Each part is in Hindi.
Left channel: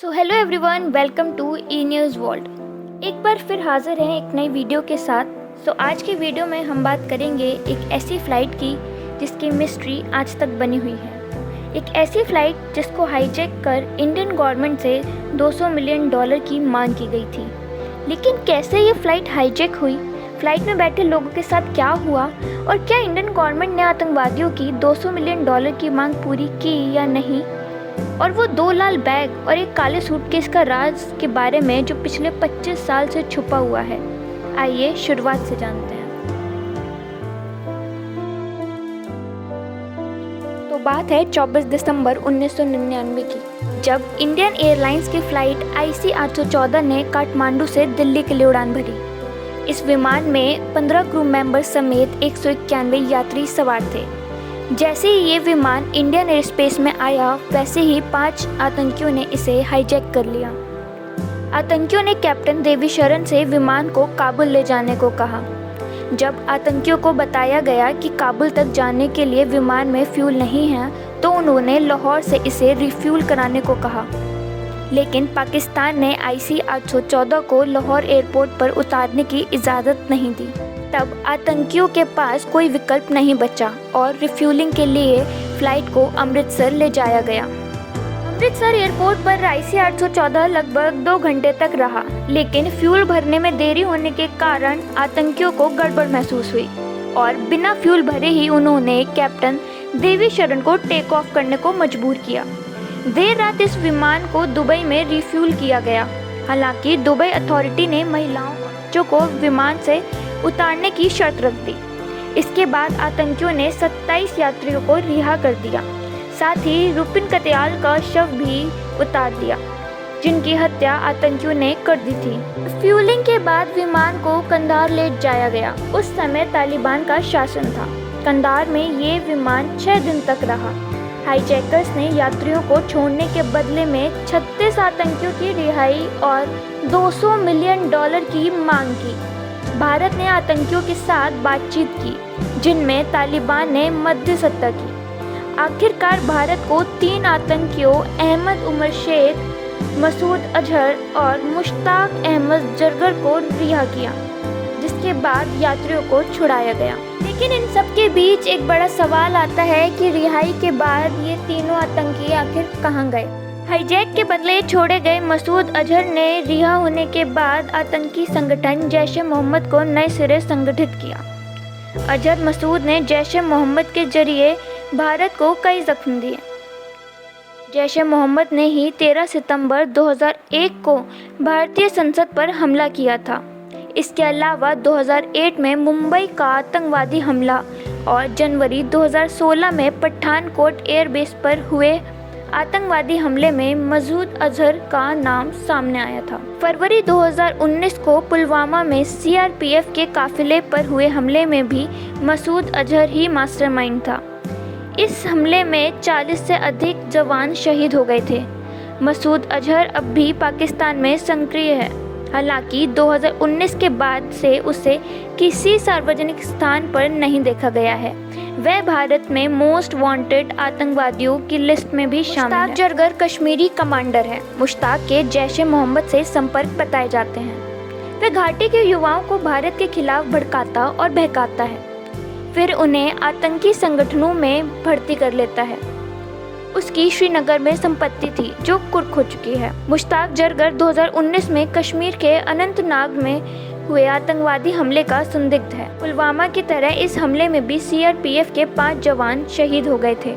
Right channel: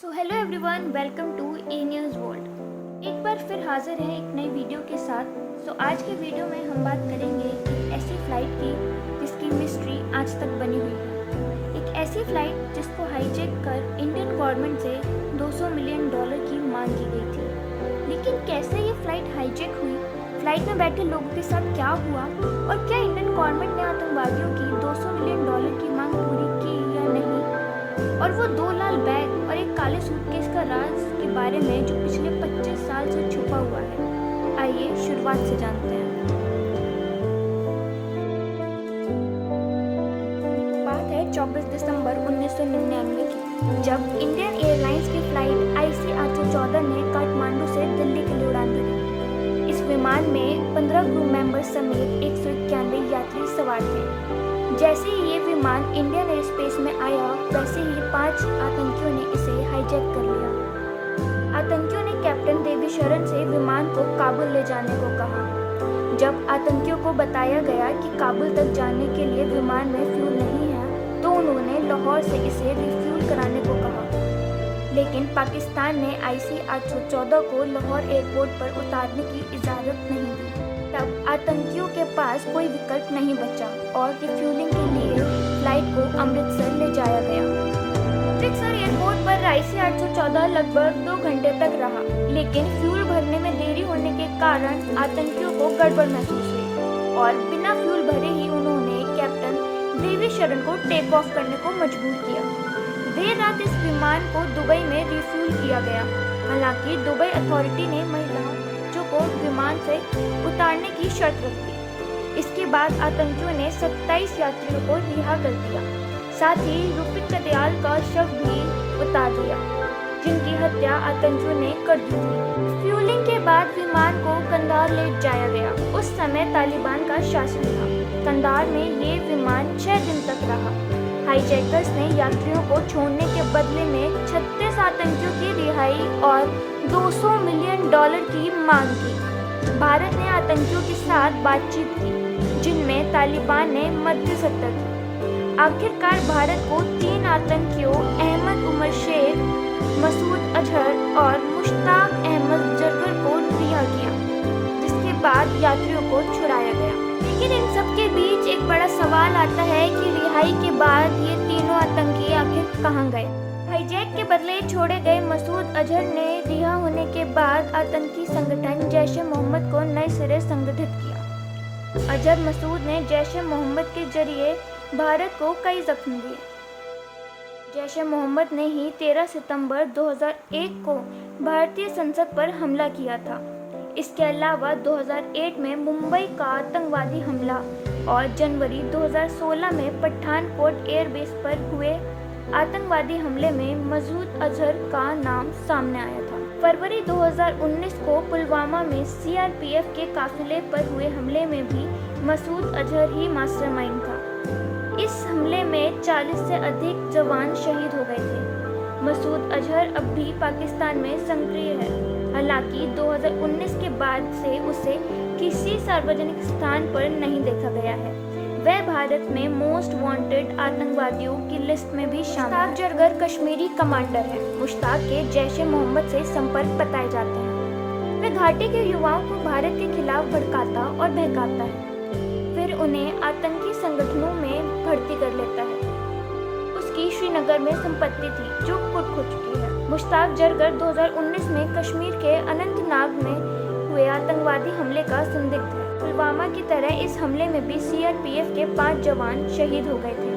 So hello everyone, welcome to E news world. एक बार फिर हाजिर हैं एक नई वीडियो के साथ। आज की वीडियो में हम बात करेंगे एक ऐसी फ़्लाइट की जिसकी मिस्ट्री आज तक बनी हुई है। एक ऐसी फ़्लाइट जिसको हाईजैक कर इंडियन गवर्नमेंट से $200 मिलियन की मांग की गई थी। लेकिन कैसे ये फ़्लाइट हाईजैक हुई, फ़्लाइट में बैठे लोगों के साथ क्या हुआ और क्या इंडियन गवर्नमेंट ने आतंकवादियों की $200 मिलियन की मांग पूरी की या नहीं, और वो 2 लाल बैग और एक काले सूटकेस का राज के बारे में जो पिछले 25 साल से छुपा हुआ है। आइए शुरुआत से जानते हैं। तो बात है 24 दिसंबर 1999 की, जब इंडियन एयरलाइंस की फ़्लाइट IC 814 ने काठमांडू से दिल्ली के लिए उड़ान भरी। इस विमान में 15 क्रू मेंबर्स समेत 191 यात्री सवार थे। जैसे ही ये विमान इंडियन एयर स्पेस में आया, वैसे ही 5 आतंकियों ने इसे हाईजैक कर लिया। आतंकियों ने कैप्टन देवीशरण से विमान को काबुल ले जाने को कहा। जब आतंकियों को बताया गया कि काबुल तक जाने के लिए विमान में फ्यूल नहीं है, तो उन्होंने लाहौर से इसे रिफ्यूल कराने को कहा। लेकिन पाकिस्तान ने IC 814 को लाहौर एयरपोर्ट पर उतारने की इजाज़त नहीं दी। तब आतंकियों के पास कोई विकल्प नहीं बचा और रिफ्यूलिंग के लिए फ़्लाइट को अमृतसर ले जाया गया। अमृतसर एयरपोर्ट पर IC 814 लगभग 2 घंटे तक रहा, लेकिन फ्यूल भरने में देरी होने के कारण आतंकियों को गड़बड़ महसूस हुई और बिना फ्यूल भरे ही उन्होंने कैप्टन देवीशरण को टेक ऑफ करने को मजबूर किया। देर रात इस विमान को दुबई में रिफ्यूल किया गया। हालांकि दुबई अथॉरिटी ने महिलाओं को विमान से उतारने की शर्त रख दी। इसके बाद आतंकियों ने 27 यात्रियों को रिहा कर दिया। साथ ही रुपिन कत्याल का शव भी उतार दिया, जिनकी हत्या आतंकियों ने कर दी थी। फ्यूलिंग के बाद विमान को कंधार ले जाया गया। उस समय तालिबान का शासन था। कंधार में ये विमान 6 दिन तक रहा। हाईजैकर्स ने यात्रियों को छोड़ने के बदले में 36 आतंकियों की रिहाई और $200 मिलियन की मांग की। भारत ने आतंकियों के साथ बातचीत की, जिनमें तालिबान ने मध्यस्थता की। आखिरकार भारत को 3 आतंकियों अहमद उमर शेख, मसूद अजहर और मुश्ताक अहमद जरगर को रिहा किया, जिसके बाद यात्रियों को छुड़ाया गया। लेकिन इन सब के बीच एक बड़ा सवाल आता है कि रिहाई के बाद ये तीनों आतंकी आखिर कहाँ गए। हाईजैक के बदले छोड़े गए मसूद अजहर ने रिहा होने के बाद आतंकी संगठन जैश-ए-मोहम्मद को नए सिरे संगठित किया। अजहर मसूद ने जैश-ए-मोहम्मद के जरिए भारत को कई जख्म दिए। जैश-ए-मोहम्मद ने ही 13 सितंबर 2001 को भारतीय संसद पर हमला किया था। इसके अलावा 2008 में मुंबई का आतंकवादी हमला और जनवरी 2016 में पठानकोट एयरबेस पर हुए आतंकवादी हमले में मसूद अजहर का नाम सामने आया था। फरवरी 2019 को पुलवामा में CRPF के काफिले पर हुए हमले में भी मसूद अजहर ही मास्टरमाइंड था। इस हमले में 40 से अधिक जवान शहीद हो गए थे। मसूद अजहर अब भी पाकिस्तान में सक्रिय है। हालांकि 2019 के बाद से उसे किसी सार्वजनिक स्थान पर नहीं देखा गया है। वह भारत में मोस्ट वांटेड आतंकवादियों की लिस्ट में भी शामिल है। मुश्ताक जरगर कश्मीरी कमांडर हैं। मुश्ताक के जैश-ए-मोहम्मद से संपर्क बताए जाते हैं। वह घाटी के युवाओं को भारत के खिलाफ भड़काता और बहकाता है, फिर उन्हें आतंकी संगठनों में भर्ती कर लेता है। उसकी श्रीनगर में संपत्ति थी जो कुर्क हो चुकी है। मुश्ताक जरगर 2019 में कश्मीर के अनंतनाग में हुए आतंकवादी हमले का संदिग्ध है। पुलवामा की तरह इस हमले में भी CRPF के 5 जवान शहीद हो गए थे।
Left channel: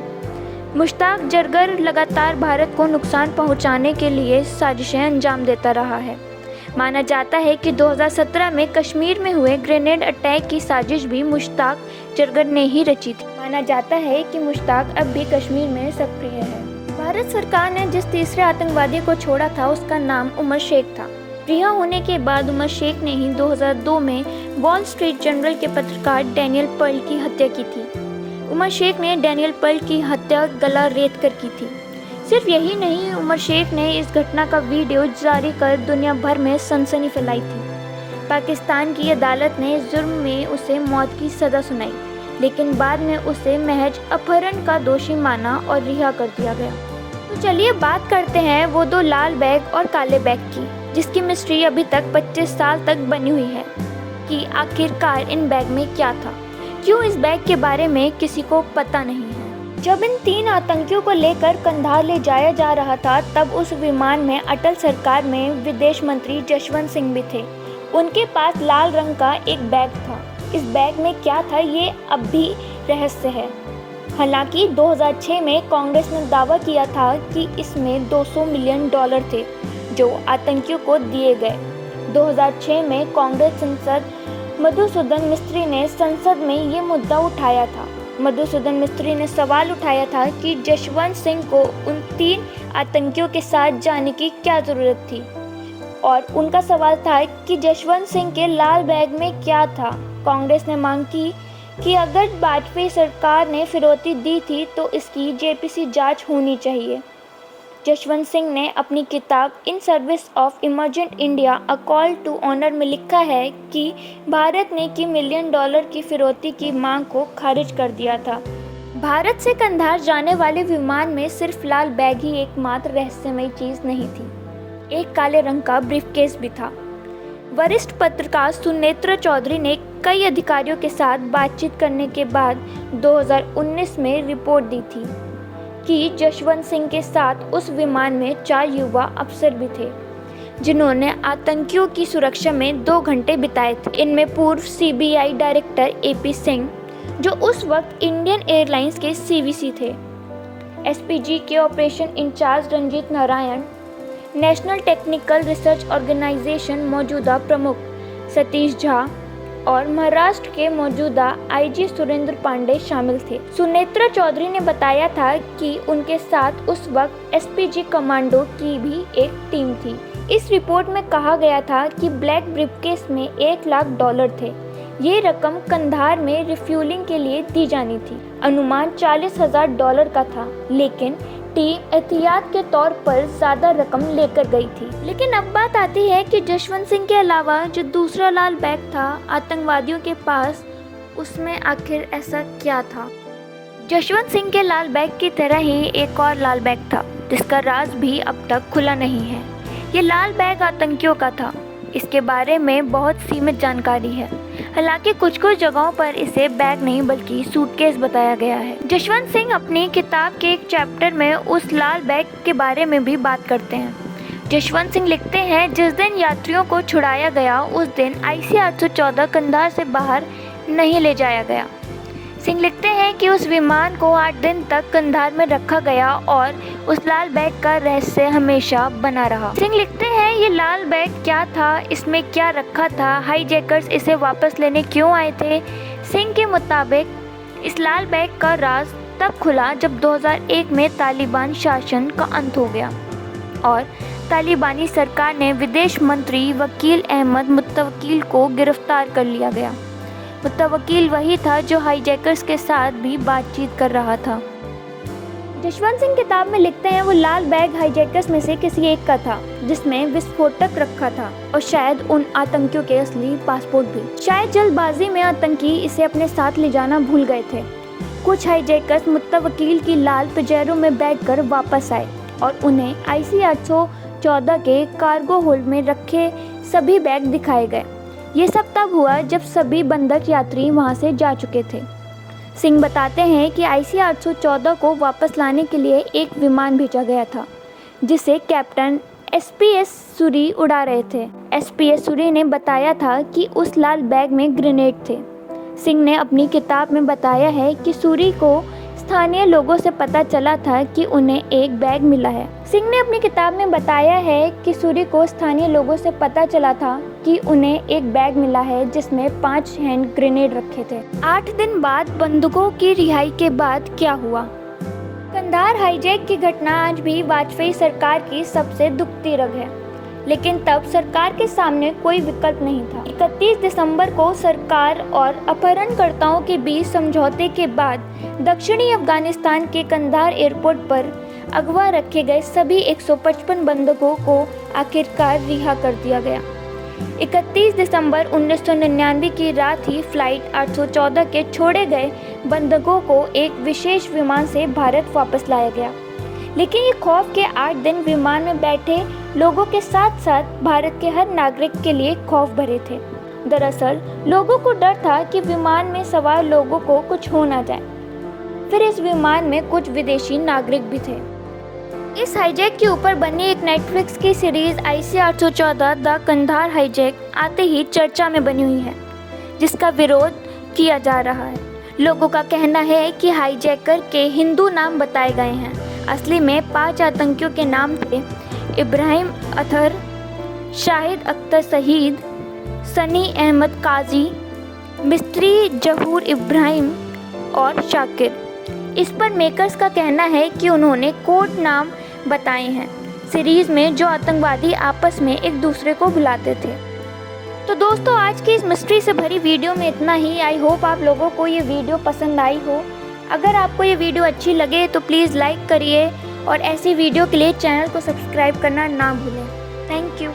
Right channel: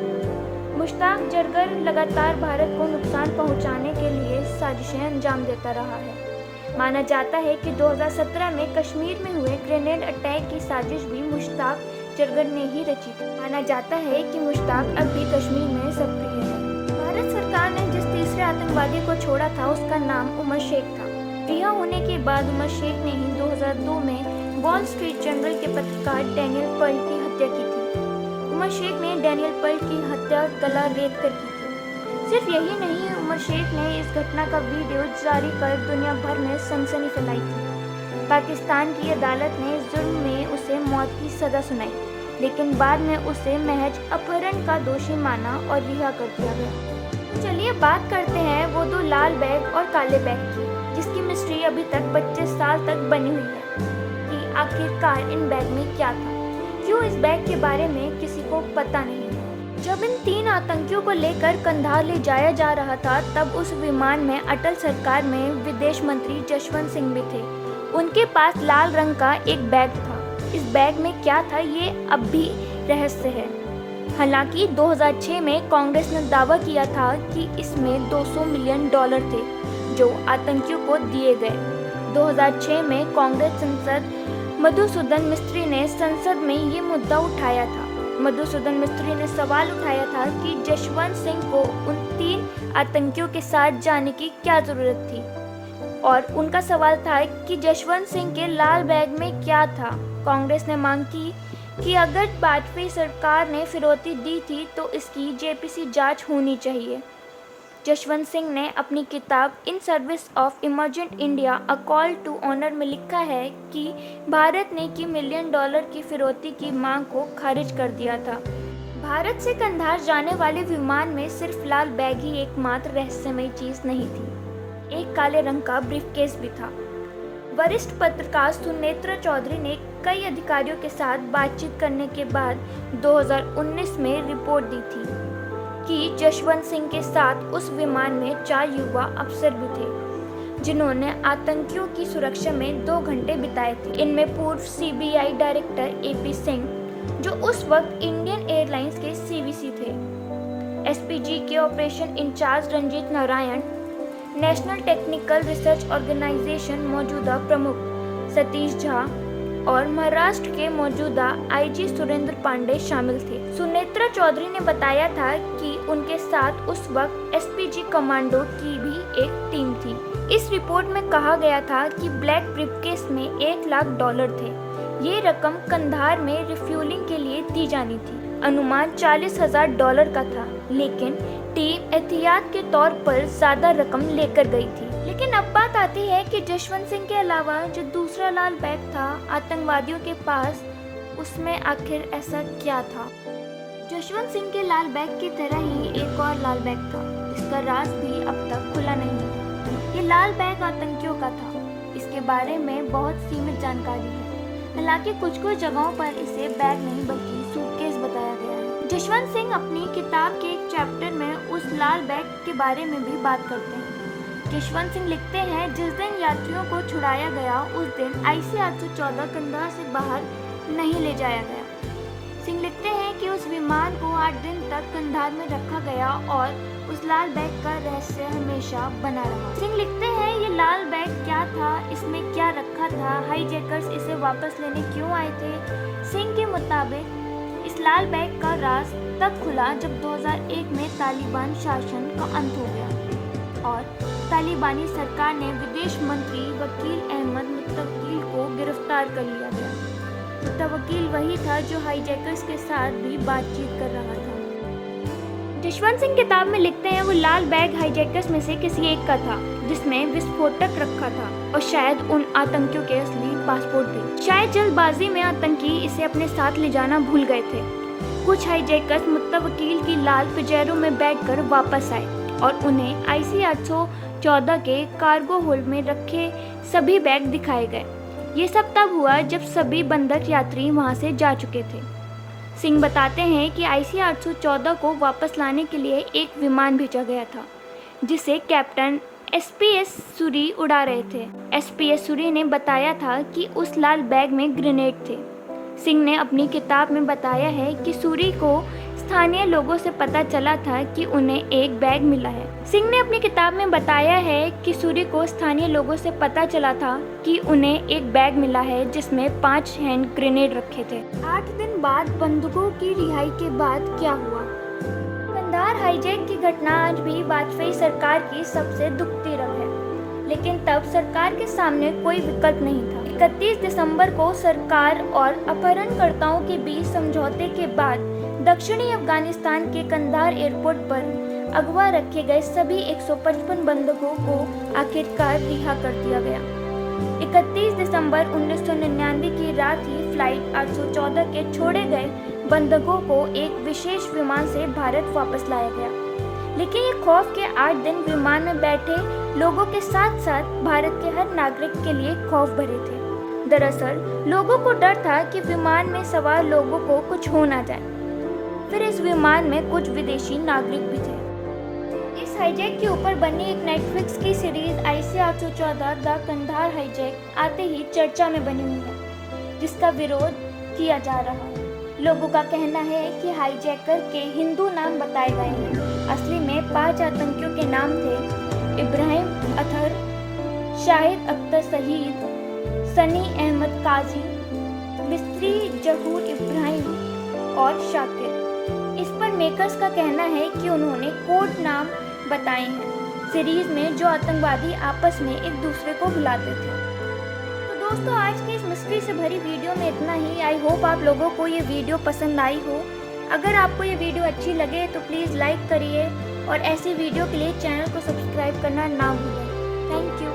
मुश्ताक जरगर लगातार भारत को नुकसान पहुंचाने के लिए साजिशें अंजाम देता रहा है। माना जाता है कि 2017 में कश्मीर में हुए ग्रेनेड अटैक की साजिश भी मुश्ताक जरगर ने ही रची थी। माना जाता है कि मुश्ताक अब भी कश्मीर में सक्रिय है। भारत सरकार ने जिस तीसरे आतंकवादी को छोड़ा था, उसका नाम उमर शेख था। रिहा होने के बाद उमर शेख ने ही 2002 में वॉल स्ट्रीट जर्नल के पत्रकार डैनियल पर्ल की हत्या की थी। उमर शेख ने डैनियल पर्ल की हत्या गला रेत कर की थी। सिर्फ यही नहीं, उमर शेख ने इस घटना का वीडियो जारी कर दुनिया भर में सनसनी फैलाई थी। पाकिस्तान की अदालत ने इस जुर्म में उसे मौत की सज़ा सुनाई, लेकिन बाद में उसे महज अपहरण का दोषी माना और रिहा कर दिया गया। तो चलिए बात करते हैं वो दो लाल बैग और काले बैग की, जिसकी मिस्ट्री अभी तक 25 साल तक बनी हुई है कि आखिरकार इन बैग में क्या था, क्यों इस बैग के बारे में किसी को पता नहीं है। जब इन 3 आतंकियों को लेकर कंधार ले जाया जा रहा था, तब उस विमान में अटल सरकार में विदेश मंत्री जसवंत सिंह भी थे। उनके पास लाल रंग का एक बैग था। इस बैग में क्या था ये अब भी रहस्य है। हालांकि 2006 में कांग्रेस ने दावा किया था कि इसमें $200 मिलियन थे जो आतंकियों को दिए गए। 2006 में कांग्रेस सांसद मधुसूदन मिस्त्री ने संसद में ये मुद्दा उठाया था। मधुसूदन मिस्त्री ने सवाल उठाया था कि जसवंत सिंह को उन 3 आतंकियों के साथ जाने की क्या ज़रूरत थी, और उनका सवाल था कि जसवंत सिंह के लाल बैग में क्या था। कांग्रेस ने मांग की कि अगर वाजपेयी सरकार ने फिरौती दी थी तो इसकी जेपीसी जांच होनी चाहिए। जसवंत सिंह ने अपनी किताब in service of emergent India a call to honour में लिखा है कि भारत ने $1 मिलियन की फिरौती की मांग को खारिज कर दिया था। भारत से कंधार जाने वाले विमान में सिर्फ लाल बैग ही एकमात्र रहस्यमयी चीज़ नहीं थी, एक काले रंग का ब्रीफकेस भी था। वरिष्ठ पत्रकार सुनेत्रा चौधरी ने कई अधिकारियों के साथ बातचीत करने के बाद 2019 में रिपोर्ट दी थी कि जसवंत सिंह के साथ उस विमान में 4 युवा अफसर भी थे, जिन्होंने आतंकियों की सुरक्षा में 2 घंटे बिताए थे। इनमें पूर्व सीबीआई डायरेक्टर एपी सिंह, जो उस वक्त इंडियन एयरलाइंस के सीवीसी थे, एसपीजी के operation incharge Ranjit Narayan, national technical research organisation मौजूदा प्रमुख सतीश झा और महाराष्ट्र के मौजूदा आईजी सुरेंद्र पांडे शामिल थे। सुनेत्रा चौधरी ने बताया था कि उनके साथ उस वक्त एसपीजी कमांडो की भी एक टीम थी। इस रिपोर्ट में कहा गया था कि ब्लैक ब्रीफकेस में $1 लाख थे। ये रकम कंधार में रिफ्यूलिंग के लिए दी जानी थी। अनुमान $40,000 का था, लेकिन टीम एहतियात के तौर पर ज्यादा रकम लेकर गई थी। लेकिन अब बात आती है कि जसवंत सिंह के अलावा जो दूसरा लाल बैग था आतंकवादियों के पास, उसमें आखिर ऐसा क्या था। जसवंत सिंह के लाल बैग की तरह ही एक और लाल बैग था, जिसका राज भी अब तक खुला नहीं है। ये लाल बैग आतंकियों का था। इसके बारे में बहुत सीमित जानकारी है। हालांकि कुछ जगहों पर इसे बैग नहीं बल्कि सूटकेस बताया गया है। जसवंत सिंह अपनी किताब के एक चैप्टर में उस लाल बैग के बारे में भी बात करते हैं। जसवंत सिंह लिखते हैं, जिस दिन यात्रियों को छुड़ाया गया उस दिन IC 814 कंधार से बाहर नहीं ले जाया गया। सिंह लिखते हैं कि उस विमान को 8 दिन तक कंधार में रखा गया और उस लाल बैग का रहस्य हमेशा बना रहा। सिंह लिखते हैं, ये लाल बैग क्या था, इसमें क्या रखा था, हाईजैकर्स इसे वापस लेने क्यों आए थे। सिंह के मुताबिक इस लाल बैग का राज तब खुला जब 2001 में तालिबान शासन का अंत हो गया और तालिबानी सरकार ने विदेश मंत्री वकील अहमद मुत्तवकील को गिरफ्तार कर लिया गया। मुत्तवकील वही था जो हाईजैकर्स के साथ भी बातचीत कर रहा था। जसवंत सिंह किताब में लिखते हैं, वो लाल बैग हाईजैकर्स में से किसी एक का था, जिसमें विस्फोटक रखा था और शायद उन आतंकियों के असली पासपोर्ट भी। शायद जल्दबाजी में आतंकी इसे अपने साथ ले जाना भूल गए थे। कुछ हाईजैकर्स मुत्तवकील की लाल पिजेरो में बैठकर वापस आए और उन्हें IC 814 के कार्गो होल्ड में रखे सभी बैग दिखाए गए। ये सब तब हुआ जब सभी बंधक यात्री वहां से जा चुके थे। सिंह बताते हैं कि IC 814 को वापस लाने के लिए एक विमान भेजा गया था, जिसे कैप्टन SPS सूरी उड़ा रहे थे। SPS सूरी ने बताया था कि उस लाल बैग में ग्रेनेड थे। सिंह ने अपनी किताब में बताया है कि सूरी को स्थानीय लोगों से पता चला था कि उन्हें एक बैग मिला है। सिंह ने अपनी किताब में बताया है कि सूरी को स्थानीय लोगों से पता चला था कि उन्हें एक बैग मिला है जिसमें 5 हैंड ग्रेनेड रखे थे। 8 दिन बाद बंदूकों की रिहाई के बाद क्या हुआ। कंधार हाईजैक की घटना आज भी वाजपेयी सरकार की सबसे दुखती रग है, लेकिन तब सरकार के सामने कोई विकल्प नहीं था। 31 दिसंबर को सरकार और अपहरणकर्ताओं के बीच समझौते के बाद दक्षिणी अफगानिस्तान के कंधार एयरपोर्ट पर अगवा रखे गए सभी 155 बंधकों को आखिरकार रिहा कर दिया गया। 31 दिसंबर 1999 की रात ही फ्लाइट 814 के छोड़े गए बंधकों को एक विशेष विमान से भारत वापस लाया गया। लेकिन ये खौफ के 8 दिन विमान में बैठे लोगों के साथ साथ भारत के हर नागरिक के लिए खौफ भरे थे। दरअसल लोगों को डर था कि विमान में सवार लोगों को कुछ हो ना जाए। फिर इस विमान में कुछ विदेशी नागरिक भी थे। इस हाईजैक के ऊपर बनी एक नेटफ्लिक्स की series IC 814 the Kandahar hijack आते ही चर्चा में बनी हुई है, जिसका विरोध किया जा रहा है। लोगों का कहना है कि हाईजैकर के हिंदू नाम बताए गए हैं। असली में 5 आतंकियों के नाम थे इब्राहिम अतहर, शाहिद अख्तर शहीद, सनी अहमद काजी, मिस्त्री जहूर इब्राहिम और शाकिर। इस पर मेकर्स का कहना है कि उन्होंने कोड नाम बताए हैं सीरीज में, जो आतंकवादी आपस में एक दूसरे को बुलाते थे। तो दोस्तों, आज की इस मिस्ट्री से भरी वीडियो में इतना ही। आई होप आप लोगों को ये वीडियो पसंद आई हो। अगर आपको ये वीडियो अच्छी लगे तो प्लीज़ लाइक करिए और ऐसी वीडियो के लिए चैनल को सब्सक्राइब करना ना भूलें। Thank you.